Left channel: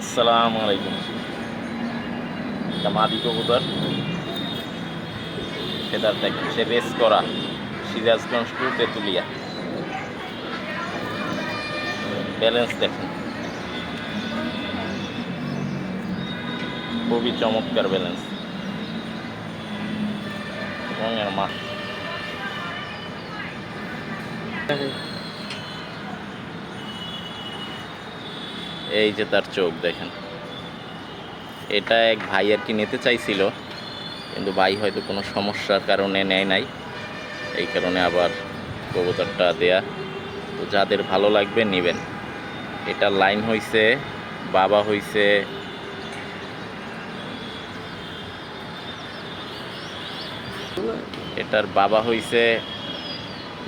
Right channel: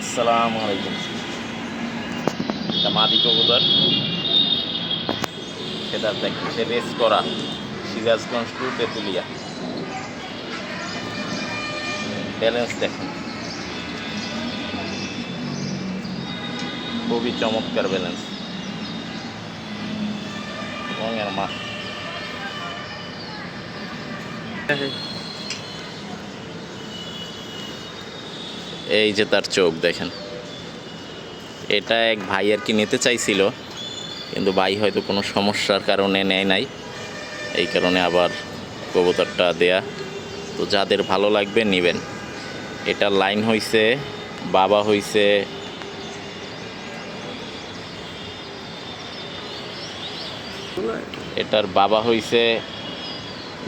আসসালামু আলাইকুম। এটা মাদি কবুতর, সেটা দেখেন সে রেস করা, সিরাজগঞ্জ টু তেঁতুলিয়া। ব্যালেন্স দেখেন, খুবই চমৎকার ব্যালেন্স এবং এর মা এই যে তার চোখ দেখেন। এটা এক ভাই আর কি নিতে চাইছিল, কিন্তু ভাই হয়তো কোনো সমস্যার কারণে নেয় নাই, এই কারণে আবার কবুতরটা দেয়া। তো যাদের ভালো লাগবে নেবেন। এটার লাইন হইছে, বাবা হইছে এটার বাবা হইছে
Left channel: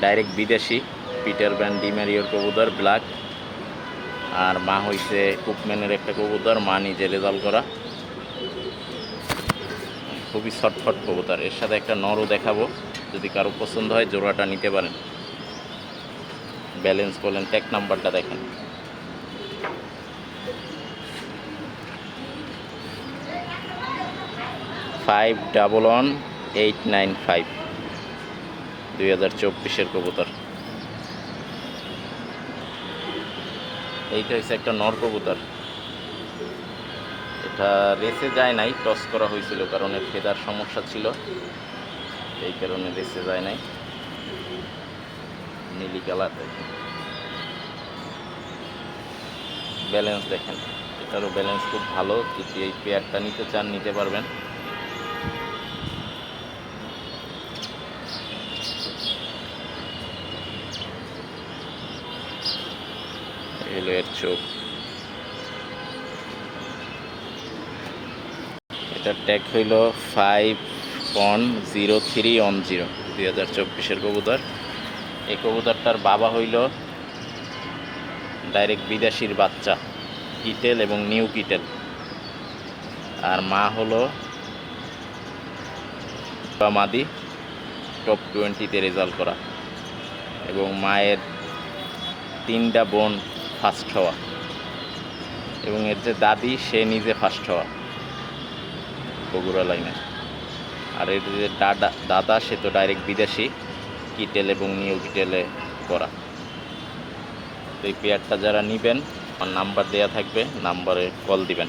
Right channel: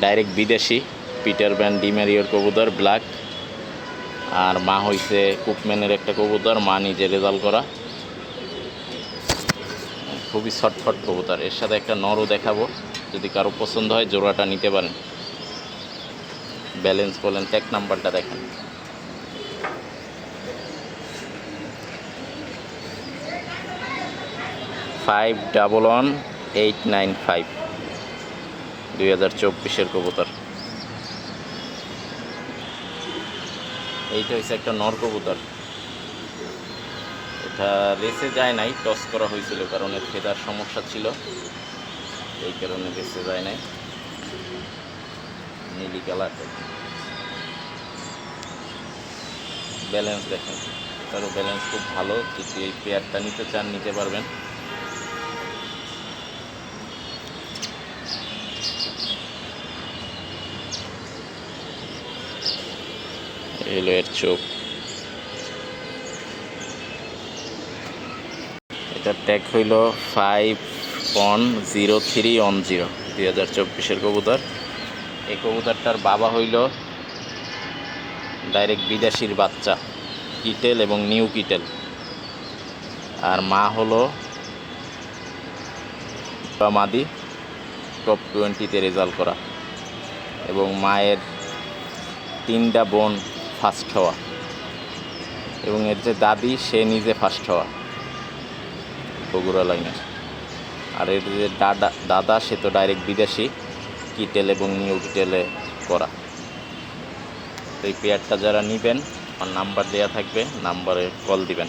ডাইরেক্ট বিদেশি পিটার ব্যান ডিমেরিয়র কবুতর ব্ল্যাক, আর মা হইছে কুকম্যানের একটা কবুতর, মা নিজে রেজাল্ট করা। খুবই ছটফট কবুতর। এর সাথে একটা নরও দেখাবো, যদি কারো পছন্দ হয় জোড়াটা নিতে পারেন। ব্যালেন্স বলেন, ট্যাগ নাম্বারটা দেখেন। ফাইভ 11895, 2024-এর কবুতর। এইটা হচ্ছে একটা নর কবুতর। এটা রেসে যায় নাই, টস করা হয়েছিল কারণ এর ফেদার সমস্যা ছিল, এই কারণে রেসে যায় নাই। নীলি কালার। ব্যালেন্স দেখেন, এটারও ব্যালেন্স খুব ভালো। যদি এই পেয়ারটা নিতে চান নিতে পারবেন। এলো এর চোখ। এটার ট্যাগ হইল 5.0310, 2024-এর কবুতর। এই কবুতরটার বাবা হইল ডাইরেক্ট বিদেশির বাচ্চা, কিটেল এবং নিউ কিটেল, আর মা হলো মাদি টপ 20-তে রেজাল্ট করা, এবং মায়ের 3টা বোন ফার্স্ট হওয়া, এবং এর যে দাদি সে নিজে ফার্স্ট হওয়া বগুড়া লাইনে। আর এর যে দাদা সে তো ডাইরেক্ট বিদেশি কিটেল এবং নিউ কিটেলে করা। এই পেয়ারটা যারা নেবেন, আমার নাম্বার দেওয়া থাকবে, নাম্বারে কল দিবেন।